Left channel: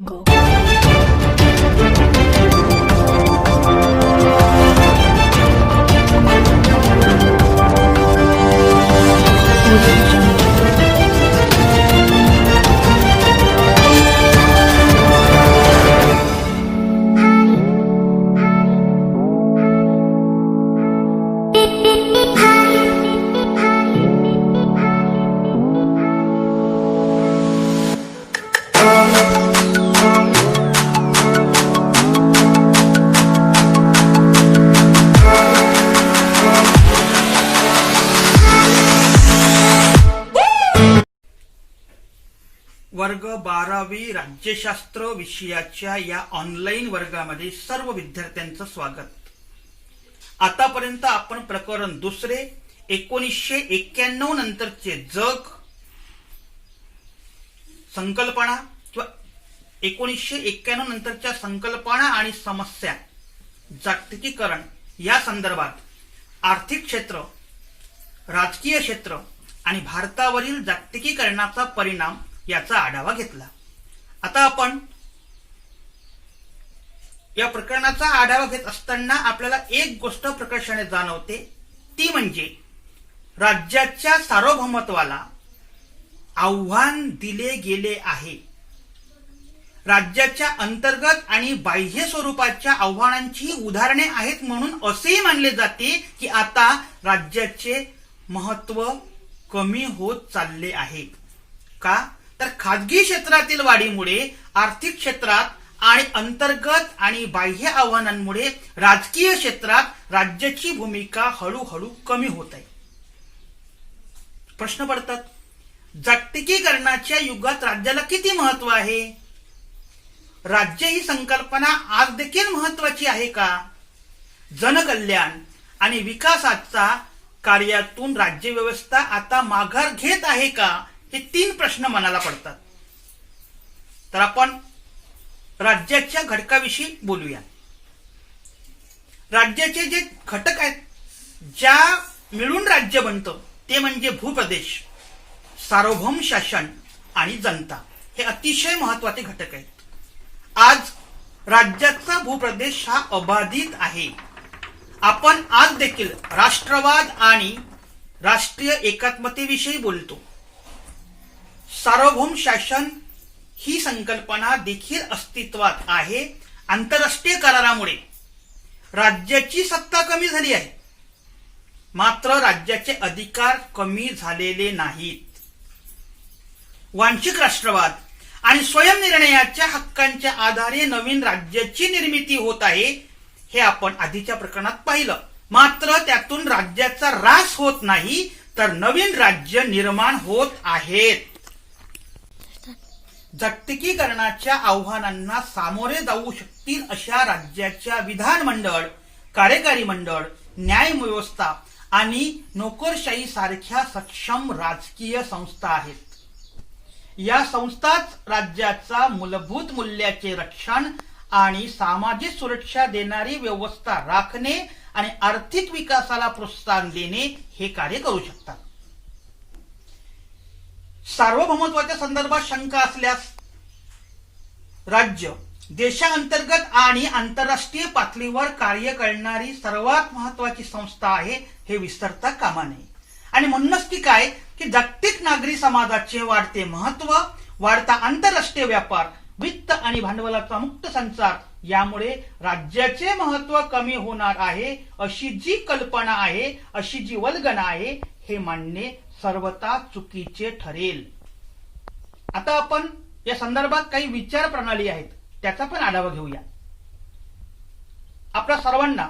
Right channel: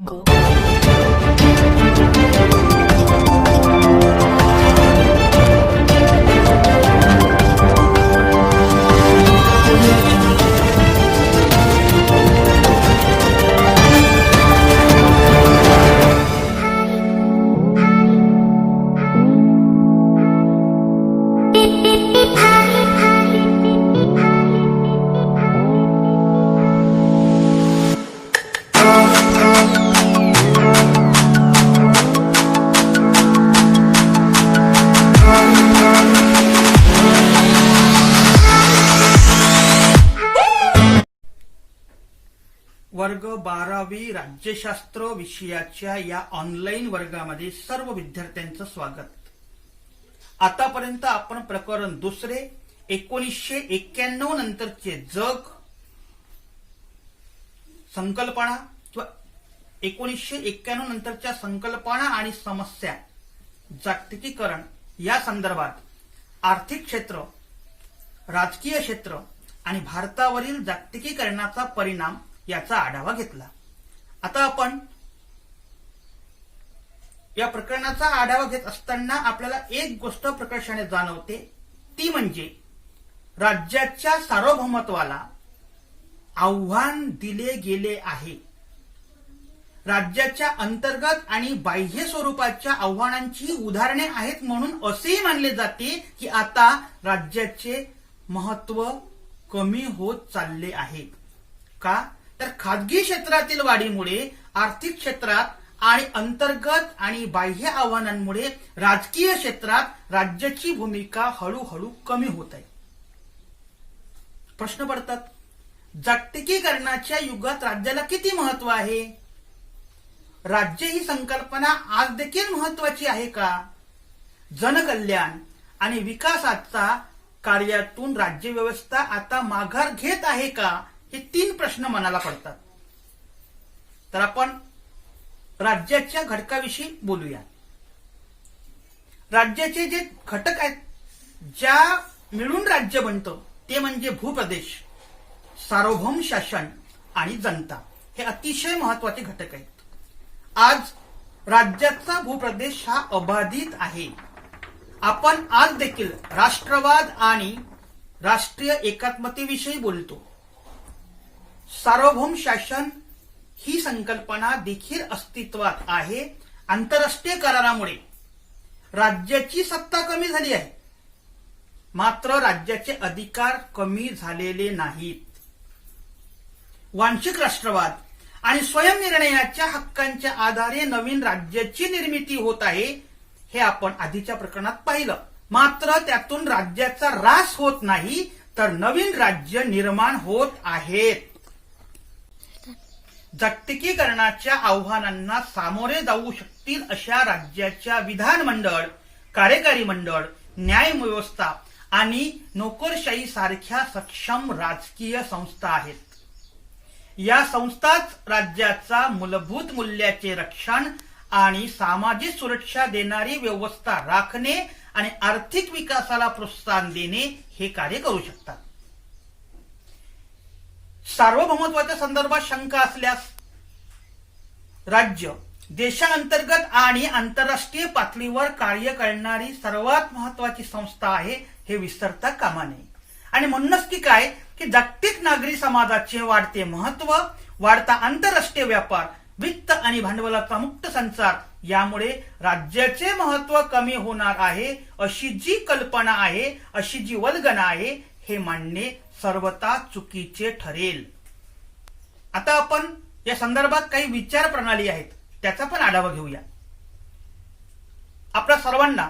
Go. Audio Jungle. वर्ग 12वी राज्यशास्त्र विषयाच्या या ऑनलाईन वर्गामध्ये सर्व विद्यार्थ्यांचं स्वागत. आतापर्यंत आपण प्रकरण दुसरे 1991 नंतरचे जग संकल्पना किंवा 1991 नंतरच्या संकल्पना आणि समस्या, जागतिकीकरण या संदर्भात आर्थिक क्षेत्र, राजकीय क्षेत्र आणि भारतावरील जागतिकीकरणाचा परिणाम याचा आढावा घेतला. आता आपण या प्रकरणाचा आढावा घेत असताना आपल्याला एक गोष्ट प्रकर्षाने जाणवते, ती म्हणजे राज्याच्या सार्वभौमत्वाला आव्हान दिले गेले आहे. राज्याच्या अंतर्गत आणि बाह्य स्वरूपाच्या आव्हानांची उदाहरणे आहेत म्हणून असेही मानले जाते की आता राज्याचे महत्व कमी होत चालले आहे. का? तर खाजगी क्षेत्रातील वाढीमुळे आर्थिक क्षेत्रात आणि अंतर्गत आणि बाह्य आव्हानांमुळे राजकीय क्षेत्रात राज्याची भूमिका हळूहळू कमी होत आहे. प्रश्न पडतात, जागतिकीकरणाच्या युगात राज्याला किती महत्व आहे? राज्य ही संकल्पना आज देखील महत्वाची आहे का? जनकल्याण आणि विकासाच्या कार्यातून राज्यव्यवस्था आता माघार घेत आहे का? हे 3 प्रश्न मनाला पडतात. तर आपण राज्याच्या घटकाविषयी बोलूया. राज्याचे जे घटक आहेत, ज्या मिळून राज्य बनतं, ते म्हणजे भूप्रदेश, सार्वभौम शासन आणि जनता. हे अतिशय महत्वाचे घटक आहेत. आज राज्याचा भूप्रदेश हा अबाधित आहे. आपण आज देखील राष्ट्रवाद आणि राष्ट्रीय एकात्मतेविषयी बोलतो. सार्वभौम शासन ही संकल्पना देखील अस्तित्वात आहे. आंतरराष्ट्रीय करारामुळे राज्याची सत्ता कमी झाली आहे, मात्र राज्याचे अधिकार कमी झालेले नाहीत. वांशिक राष्ट्रवाद आणि स्वयंनिर्णयाच्या हक्कांच्या आधारे नवीन राज्याची निर्मिती होत आहे, हे आपण आधीच्या प्रकरणात पाहिलं. मात्र त्यातून राज्याचा ऱ्हास होत नाही, तर नवीन राज्य निर्माण होत आहेत. जागतिकीकरणाच्या आव्हानांना सामोरे जाऊ शकतील अशा राज्याच्या विधानमंडळ, कार्यकारी मंडळ, न्यायव्यवस्था आणि नोकरशाही सारख्या सक्षम राजकीय संस्था आहेत. या संस्थाच राज्याचा मूलभूत मूल्याचे रक्षण आणि सामाजिक सुरक्षा देणारी व्यवस्था राखणे आणि आर्थिक विकासाला प्रोत्साहन देणे हे कार्य करू शकतात. सार्वभौमत्वाच्या संदर्भात शंका असल्यास राज्य देशांतर्गत आणि आंतरराष्ट्रीय पातळीवर कार्य करणारी सर्वात महत्वाची संस्था आहे, हे विसरता कामा नये. आणि म्हणूनच की काय, की जागतिक नागरी समाजाचे वाढते महत्व, वाढता आंतरराष्ट्रीय व्यापार, वित्त आणि भांडवलाचा मुक्त संचार यामुळे राज्याचे महत्व कमी होणार आहे, अशी जी कल्पना आहे, अशी जी वल्गना आहे, हे मानणे सर्वथा चुकीचे ठरेल. आता आपण या संदर्भात काही विचार प्रणाली आहेत, त्याचा पण आढावा घेऊया. आपल्या सर्वांना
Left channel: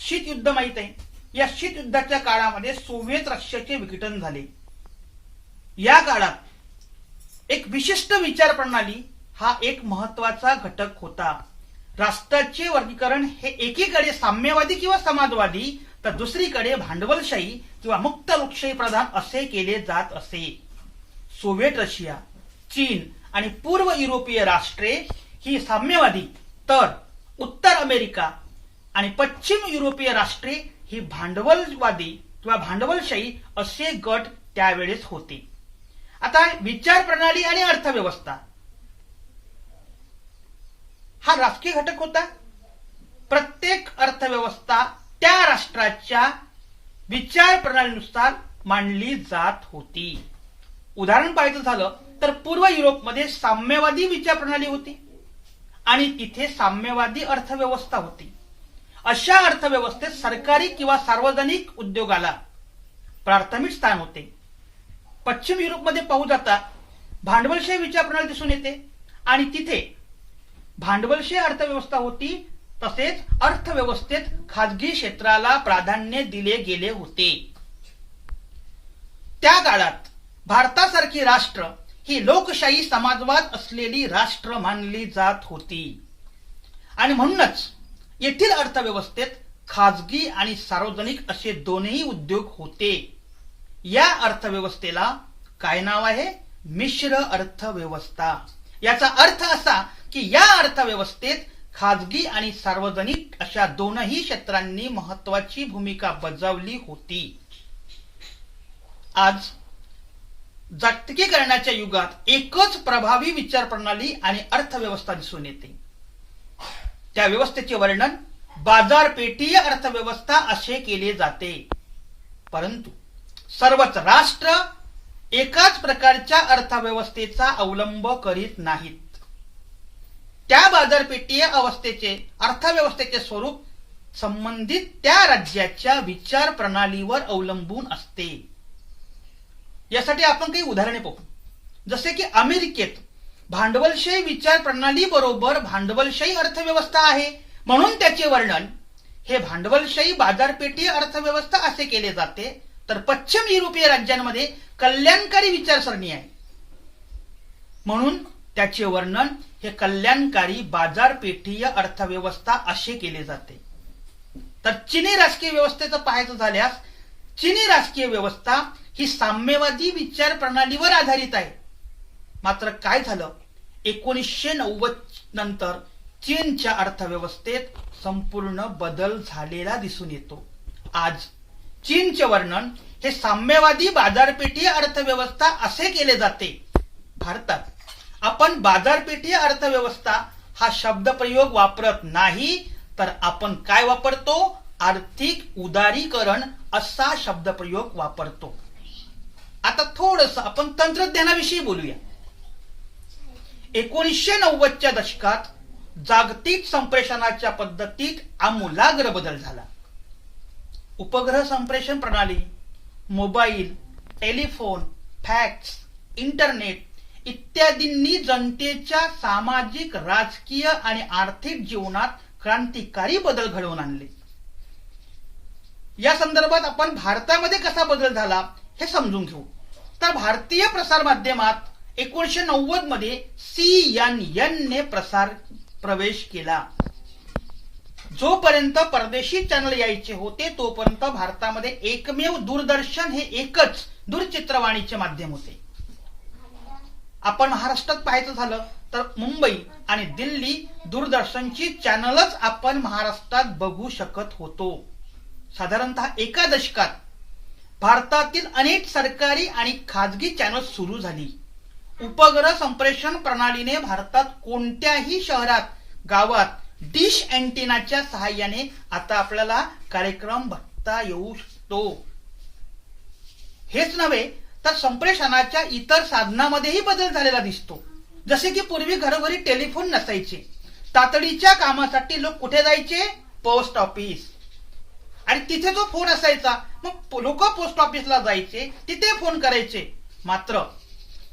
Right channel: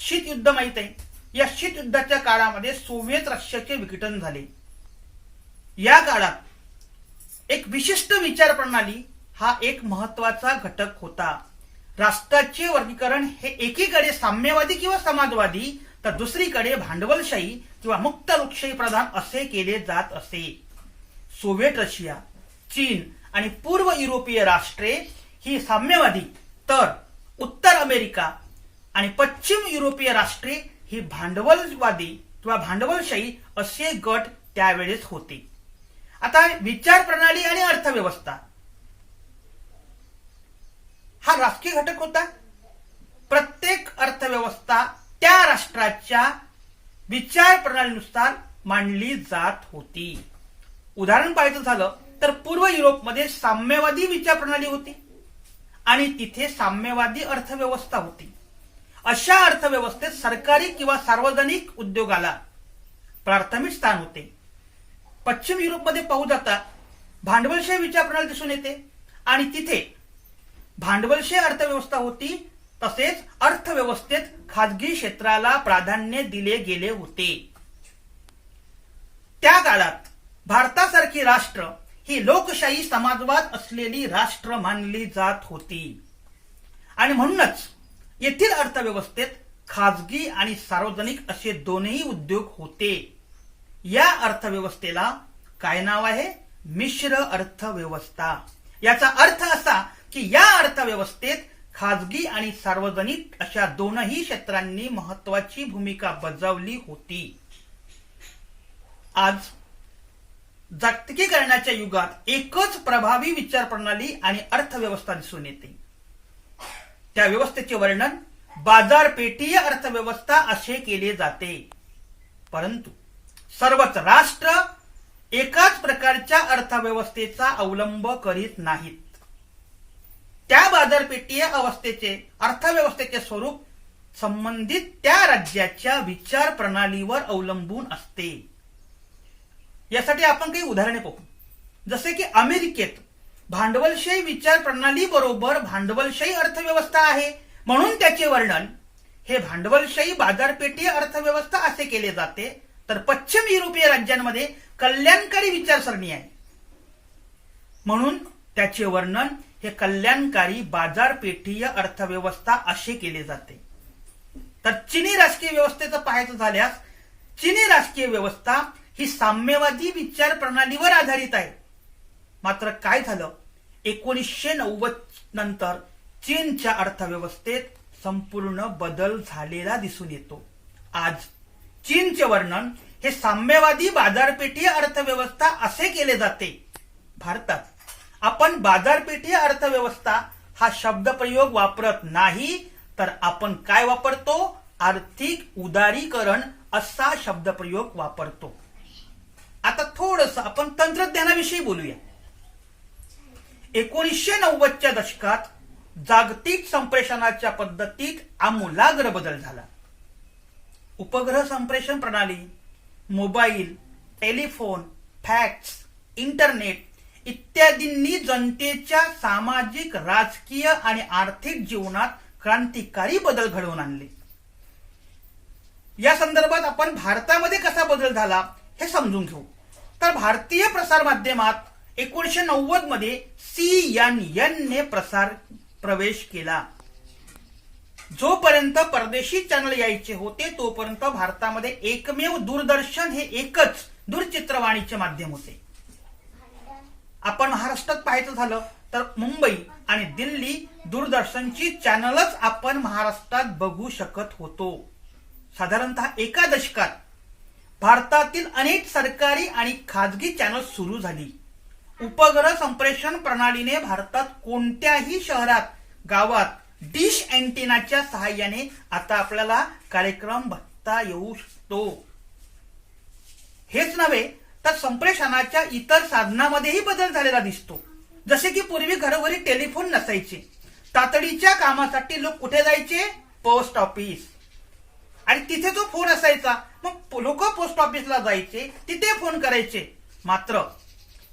शीत युद्ध माहित आहे. या शीत युद्धाच्या काळामध्ये सोव्हिएत रशियाचे विघटन झाले. या काळात एक विशिष्ट विचार प्रणाली हा एक महत्वाचा घटक होता. राष्ट्राचे वर्गीकरण हे एकीकडे साम्यवादी किंवा समाजवादी, तर दुसरीकडे भांडवलशाही किंवा मुक्त लोकशाही प्रधान असे केले जात असे. सोव्हिएट रशिया, चीन आणि पूर्व युरोपीय राष्ट्रे ही साम्यवादी, तर उत्तर अमेरिका आणि पश्चिम युरोपीय राष्ट्रे ही भांडवलवादी किंवा भांडवलशाही असे गट त्यावेळेस होते. आता विचार प्रणाली आणि अर्थव्यवस्था हा राजकीय घटक होता. प्रत्येक अर्थव्यवस्था त्या राष्ट्राच्या विचार प्रणालीनुसार मांडली जात होती. उदाहरण पाहायचं झालं तर पूर्व युरोपमध्ये साम्यवादी विचार प्रणाली होती आणि तिथे साम्यवादी अर्थव्यवस्था होती. अशा अर्थव्यवस्थेत सरकारी किंवा सार्वजनिक उद्योगाला प्राथमिक स्थान होते. पश्चिम युरोपमध्ये पाहू जाता भांडवलशाही विचार प्रणाली दिसून येते आणि तिथे भांडवलशाही अर्थव्यवस्था होती. तसेच अर्थव्यवस्थेत खाजगी क्षेत्राला प्राधान्य दिले गेले होते. त्या काळात भारतासारखी राष्ट्र ही लोकशाही समाजवाद असलेली राष्ट्र मानली जात होती आणि म्हणूनच येथील अर्थव्यवस्थेत खाजगी आणि सार्वजनिक असे दोनही उद्योग होते. या अर्थव्यवस्थेला काय नाव आहे? मिश्र अर्थव्यवस्था. याचा अर्थ असा की या अर्थव्यवस्थेत खाजगी आणि सार्वजनिक अशा दोनही क्षेत्रांनी महत्वाची भूमिका बजावली होती. आज जागतिकीकरणाच्या युगात एकच प्रभावी विचार प्रणाली आणि अर्थव्यवस्था दिसून येते. त्या व्यवस्थेचे वर्णन बाजारपेठीय अर्थव्यवस्था असे केले जाते. परंतु सर्वच राष्ट्र एकाच प्रकारच्या अर्थव्यवस्थेचा अवलंब करीत नाहीत. त्या बाजारपेठीय अर्थव्यवस्थेचे स्वरूप संबंधित त्या राज्याच्या विचार प्रणालीवर अवलंबून असते. यासाठी आपण काही उदाहरणे पाहू. जसे की अमेरिकेत भांडवलशाही विचार प्रणाली बरोबर भांडवलशाही अर्थव्यवस्था आहे, म्हणून त्याचे वर्णन हे भांडवलशाही बाजारपेठीय अर्थव्यवस्था असे केले जाते. तर पश्चिम युरोपीय राज्यांमध्ये कल्याणकारी विचारसरणी आहे, म्हणून त्याचे वर्णन हे कल्याणकारी बाजारपेठीय अर्थव्यवस्था असे केले जाते. तर चीनी राजकीय व्यवस्थेचं पाहायचं झाल्यास चीनी राजकीय व्यवस्था ही साम्यवादी विचार प्रणालीवर आधारित आहे. मात्र काय झालं, 1990 नंतर चीनच्या अर्थव्यवस्थेत संपूर्ण बदल झालेला दिसून येतो. आज चीनचे वर्णन हे साम्यवादी बाजारपेठीय अर्थव्यवस्था असे केले जाते. भारतात आपण बाजारपेठीय अर्थव्यवस्था हा शब्दप्रयोग वापरत नाही, तर आपण काय वापरतो? आर्थिक उदारीकरण असा शब्दप्रयोग वापरतो. आता थोडंसं आपण तंत्रज्ञानाविषयी बोलूया. 1990च्या दशकात जागतिक संप्रेषणाच्या पद्धतीत आमूलाग्र बदल झाला. उपग्रह संप्रेषण प्रणाली, मोबाईल, टेलिफोन, फॅक्स, इंटरनेट इत्यादींनी जनतेच्या सामाजिक, राजकीय आणि आर्थिक जीवनात क्रांतिकारी बदल घडवून आणले. या संदर्भात आपण भारतामध्ये कसा बदल झाला हे समजून घेऊ. तर भारतीय प्रसार माध्यमात 1990 मध्ये CNN ने प्रवेश केला. जोपर्यंत परदेशी चॅनल यायचे होते तोपर्यंत भारतामध्ये एकमेव दूरदर्शन हे एकच दूरचित्रवाणीचे माध्यम होते. आपण महाराष्ट्रात पाहायचं झालं तर मुंबई आणि दिल्ली दूरदर्शनची चॅनलच आपण महाराष्ट्रात बघू शकत होतो. साधारणतः एका दशकात भारतातील अनेक सरकारी आणि खाजगी चॅनल सुरू झाली. उपग्रह संप्रेषण प्रणालीने भारतात कोणत्याही शहरात, गावात डिश अँटेनाच्या सहाय्याने आता आपल्याला कार्यक्रम बघता येऊ शकतो. हेच नव्हे तर संप्रेषणाच्या इतर साधनांमध्येही बदल झालेला दिसतो. जसे की पूर्वी घरोघरी टेलिफोन नसायचे. तातडीच्या कामासाठी लोक कुठे जायचे? Post office. आणि तिथे जो फोन असायचा मग लोक पोस्ट ऑफिसला जायचे, तिथे फोन करायचे. मात्र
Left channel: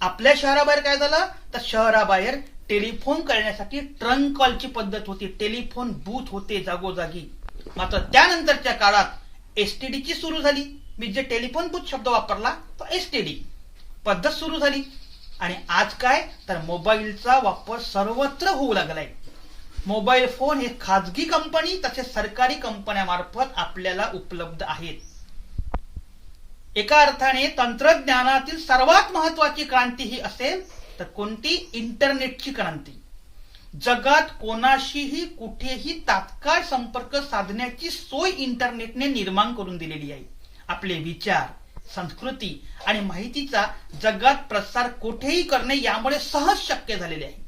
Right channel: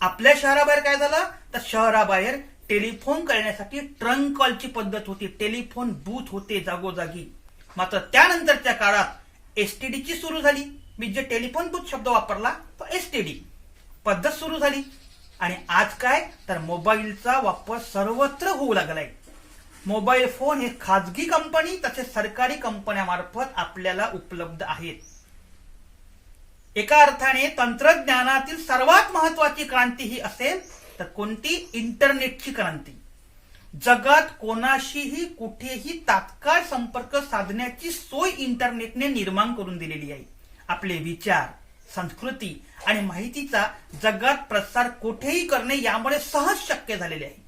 आपल्या शहराबाहेर काय झालं तर शहराबाहेर टेलिफोन करण्यासाठी ट्रंक कॉलची पद्धत होती. टेलिफोन बूथ होते जागोजागी. मात्र त्यानंतरच्या काळात एसटीडीची सुरू झाली. मी जे टेलिफोन बूथ शब्द वापरला तो एसटीडी पद्धत सुरू झाली. आणि आज काय तर मोबाईलचा वापर सर्वत्र होऊ लागलाय. मोबाईल फोन हे खाजगी कंपनी तसेच सरकारी कंपन्यांमार्फत आपल्याला उपलब्ध आहेत. एका अर्थाने तंत्रज्ञानातील सर्वात महत्वाची क्रांती ही असेल तर कोणती? इंटरनेटची क्रांती. जगात कोणाशीही कुठेही तात्काळ संपर्क साधण्याची सोय इंटरनेटने निर्माण करून दिलेली आहे. आपले विचार, संस्कृती आणि माहितीचा जगात प्रसार कुठेही करणे यामुळे सहज शक्य झालेले आहे.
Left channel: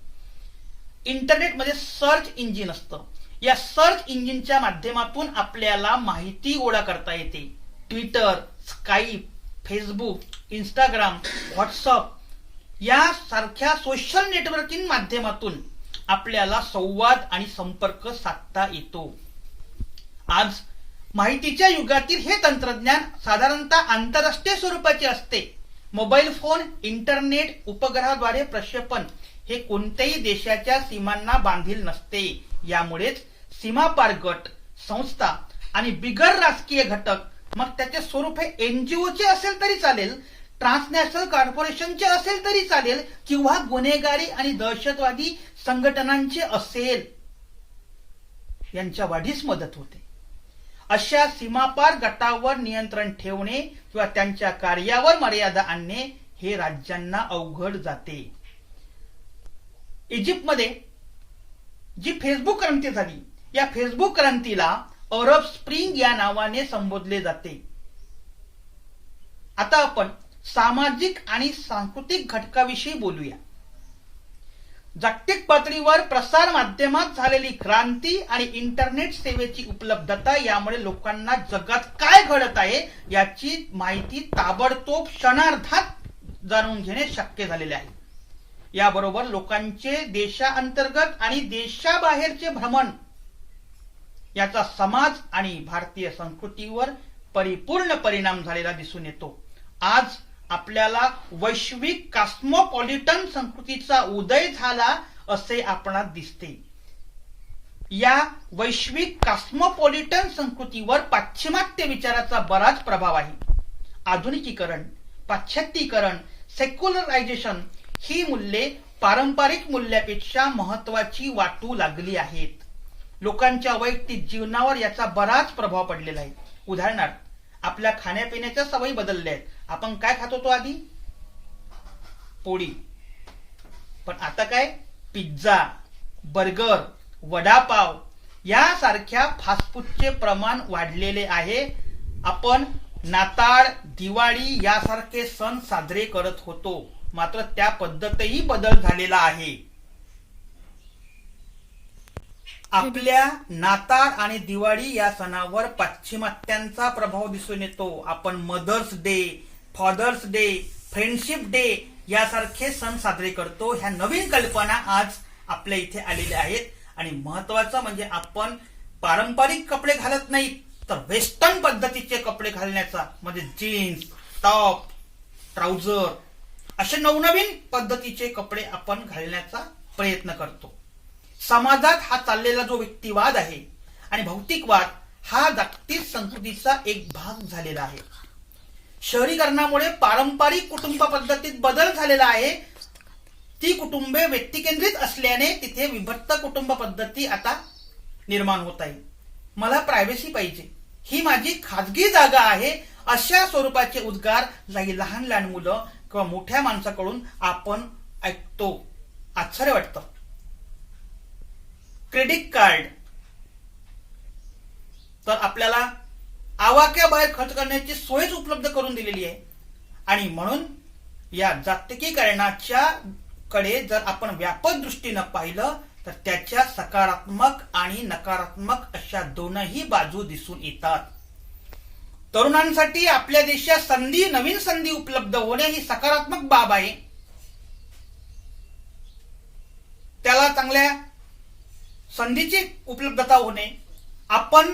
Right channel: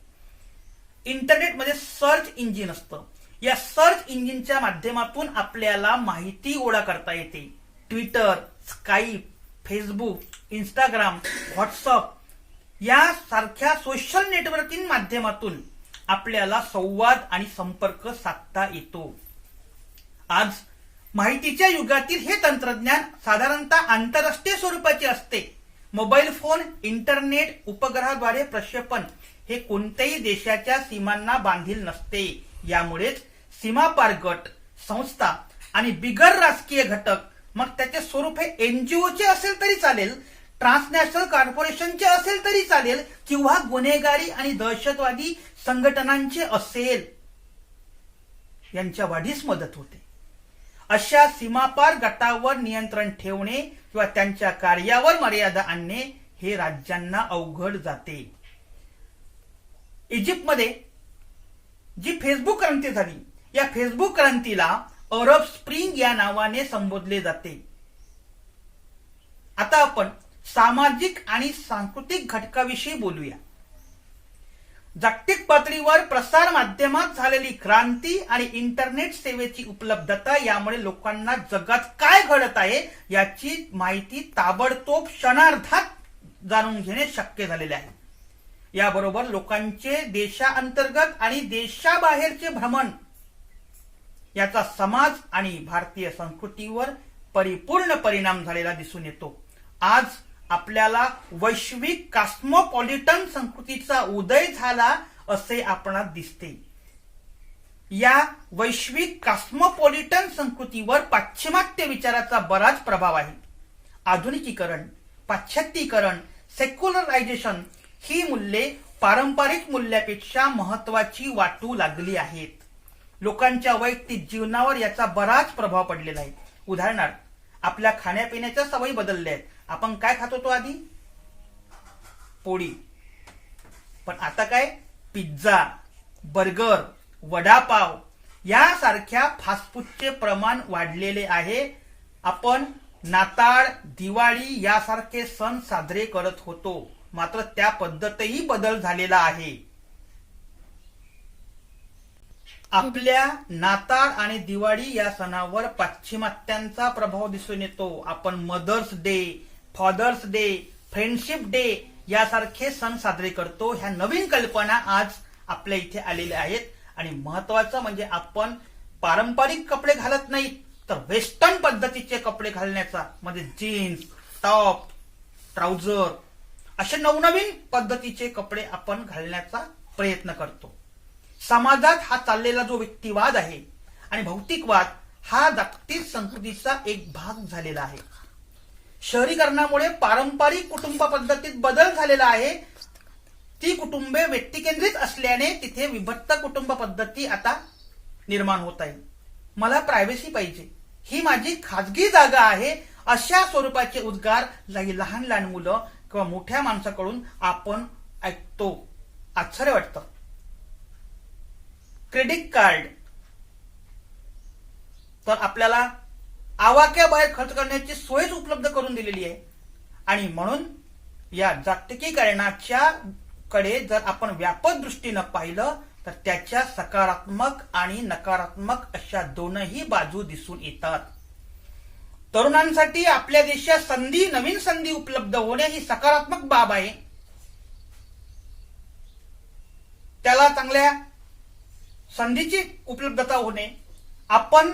इंटरनेटमध्ये सर्च इंजिन असतं. या सर्च इंजिनच्या माध्यमातून आपल्याला माहिती गोळा करता येते. Twitter, Skype, Facebook, Instagram, WhatsApp यासारख्या सोशल नेटवर्किंग माध्यमातून आपल्याला संवाद आणि संपर्क साधता येतो. आज माहितीच्या युगातील हे तंत्रज्ञान साधारणतः आंतरराष्ट्रीय स्वरूपाचे असते. मोबाईल फोन, इंटरनेट, उपग्रहाद्वारे प्रक्षेपण हे कोणत्याही देशाच्या सीमांना बांधील नसते. यामुळेच सीमापार गट, संस्था आणि बिगर राजकीय घटक, मग त्याचे स्वरूप हे एनजीओचे असेल तरी चालेल, ट्रान्सनॅशनल कॉर्पोरेशनचे असेल तरी चालेल, किंवा गुन्हेगारी आणि दहशतवादी संघटनांचे असेल, यांच्या वाढीस मदत होते. अशा सीमापार गटावर नियंत्रण ठेवणे किंवा त्यांच्या कार्यावर मर्यादा आणणे हे राज्यांना अवघड जाते. इजिप्तमध्ये जी फेसबुक क्रांती झाली, या फेसबुक क्रांतीला अरब स्प्रिंग या नावाने संबोधले जाते. आता आपण सामाजिक आणि सांस्कृतिक घटकाविषयी बोलूया. जागतिक पातळीवर प्रसार माध्यमात झालेली क्रांती आणि इंटरनेट सेवेची उपलब्धता यामुळे लोकांना जगात काय घडत आहे याची माहिती ताबडतोब क्षणार्धात जाणून घेणे शक्य झालेले आहे. याबरोबर लोकांचे देशांतर्गत आणि देशाबाहेरचे भ्रमण याचा समाज आणि भारतीय संस्कृतीवर परिपूर्ण परिणाम झालेला दिसून येतो. आज आपल्याला वैश्विक कॉस्मोपॉलिटन संस्कृतीचा उदय झाला असे आपणास दिसते. या वैश्विक कॉस्मोपॉलिटन संस्कृतीवर पाश्चिमात्य विचाराचा बराच प्रभाव आहे. आधुनिकीकरण, पाश्चात्तीकरण, सेक्युलरायझेशन ही मूल्ये पारंपरिक मूल्यापेक्षा महत्वाची वाटू लागली आहेत. लोकांच्या वैयक्तिक जीवनावर याचा बराच प्रभाव पडलेला आहे. उदाहरणार्थ, आपल्या खाण्यापिण्याच्या सवयी बदलल्या आहेत. आपण काय खात होतो आधी? पोळी. पण आता काय? पिझ्झा, बर्गर, वडापाव यासारख्या फास्टफूडचे प्रमाण वाढलेले आहे. आपण नाताळ, दिवाळी यासारखे सण साजरे करत होतो, मात्र त्या पद्धतीही बदल झालेला आहे. आपल्या नाताळ आणि दिवाळी या सणावर पाश्चिमात्यांचा प्रभाव दिसून येतो. आपण mother's day, father's day, friendship day यासारखे सण साजरे करतो. ह्या नवीन कल्पना आज आपल्या इथे आलेल्या आहेत. आणि महत्वाचं म्हणजे आपण पारंपरिक कपडे घालत नाहीत, तर वेस्टर्न पद्धतीचे कपडे घालण्याचा, म्हणजे जीन्स, टॉप, ट्राउझर असे नवनवीन पद्धतीचे कपडे आपण घालण्याचा प्रयत्न करतो. समाजात हा चाललेला जो व्यक्तिवाद आहे आणि भौतिकवाद हा जागतिक संस्कृतीचा एक भाग झालेला आहे. शहरीकरणामुळे पारंपरिक कुटुंब पद्धतीत बदल झालेला आहे. ती कुटुंबे व्यक्तिकेंद्रित असल्याने तिथे विभक्त कुटुंब पद्धती आता निर्माण होत आहे. मला प्रायव्हसी पाहिजे, ही माझी खाजगी जागा आहे, अशा स्वरूपाचे उद्गार लहान लहान मुलं किंवा मोठ्या माणसाकडून आपण ऐकतो. आश्चर्य वाटतं. क्रेडिट कार्ड तर आपल्याला आवाक्याबाहेर खर्च करण्याची सोयच उपलब्ध करून दिलेली आहे. आणि म्हणून या जागतिकीकरणाच्या कडे जर आपण व्यापक दृष्टीनं पाहिलं तर त्याच्या सकारात्मक आणि नकारात्मक अशा दोनही बाजू दिसून येतात. तरुणांसाठी आपल्या देशात नवीन संधी उपलब्ध होणे ही सकारात्मक बाब आहे. त्याला चांगल्या संधीची उपलब्धता होणे, आपण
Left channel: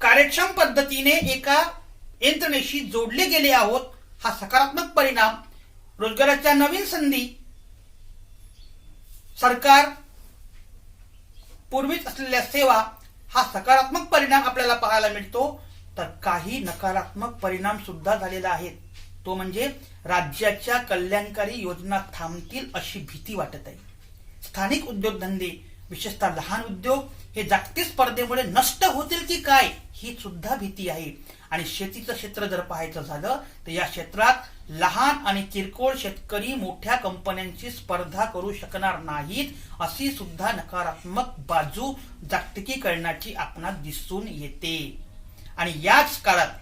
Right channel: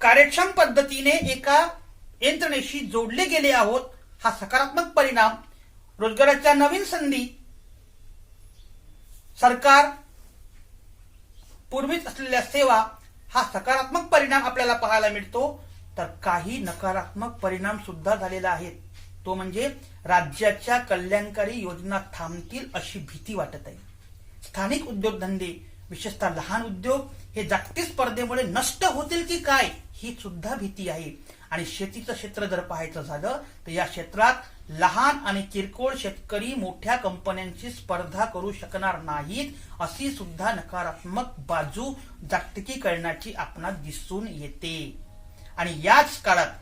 कार्यक्षम पद्धतीने एका यंत्रणेशी जोडले गेले आहोत, हा सकारात्मक परिणाम. रोजगाराच्या नवीन संधी, सरकार पूर्वीच असलेल्या सेवा, हा सकारात्मक परिणाम आपल्याला पाहायला मिळतो. तर काही नकारात्मक परिणाम सुद्धा झालेला आहे. तो म्हणजे राज्याच्या कल्याणकारी योजना थांबतील अशी भीती वाटत आहे. स्थानिक उद्योगधंदे, विशेषतः लहान उद्योग हे जागतिक स्पर्धेमुळे नष्ट होतील की काय, ही सुद्धा भीती आहे. आणि शेतीचं क्षेत्र जर पाहायचं झालं तर या क्षेत्रात लहान आणि किरकोळ शेतकरी मोठ्या कंपन्यांची स्पर्धा करू शकणार नाहीत, अशी सुद्धा नकारात्मक बाजू जागतिकीकरणाची आपणास दिसून येते. आणि याच काळात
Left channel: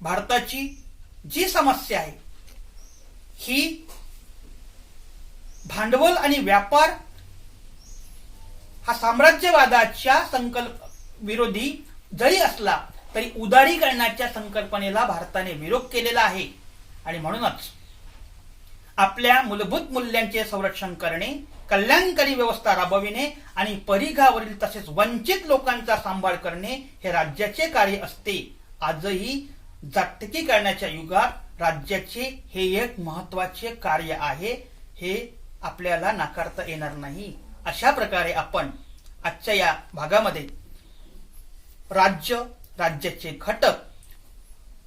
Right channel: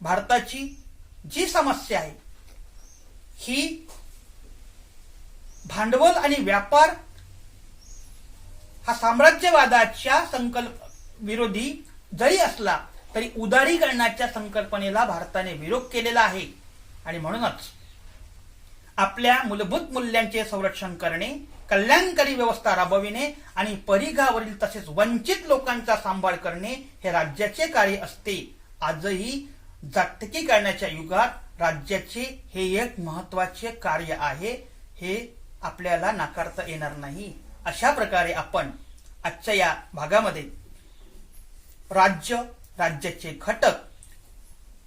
भारताची जी समस्या आहे ही भांडवल आणि व्यापार हा साम्राज्यवादाच्या विरोधी जरी असला तरी उदारीकरणाच्या संकल्पनेला भारताने विरोध केलेला आहे. आणि म्हणूनच आपल्या मूलभूत मूल्यांचे संरक्षण करणे, कल्याणकारी व्यवस्था राबविणे आणि परिघावरील तसेच वंचित लोकांचा सांभाळ करणे हे राज्याचे कार्य असते. आजही जागतिकीकरणाच्या युगात राज्याचे हे एक महत्वाचे कार्य आहे, हे आपल्याला नाकारता येणार नाही. अशा प्रकारे आपण आजच्या या भागामध्ये राज्य, राज्याचे घटक,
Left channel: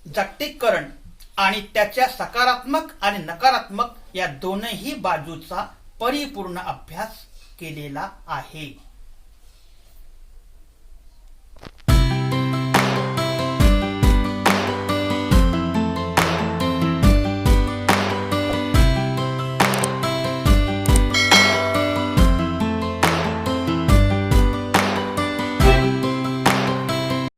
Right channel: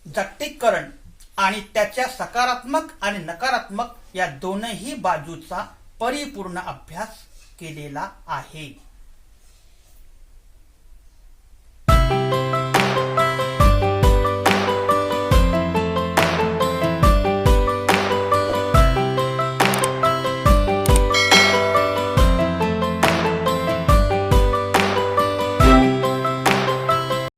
जागतिकीकरण आणि त्याच्या सकारात्मक आणि नकारात्मक या दोनही बाजूचा परिपूर्ण अभ्यास केलेला आहे.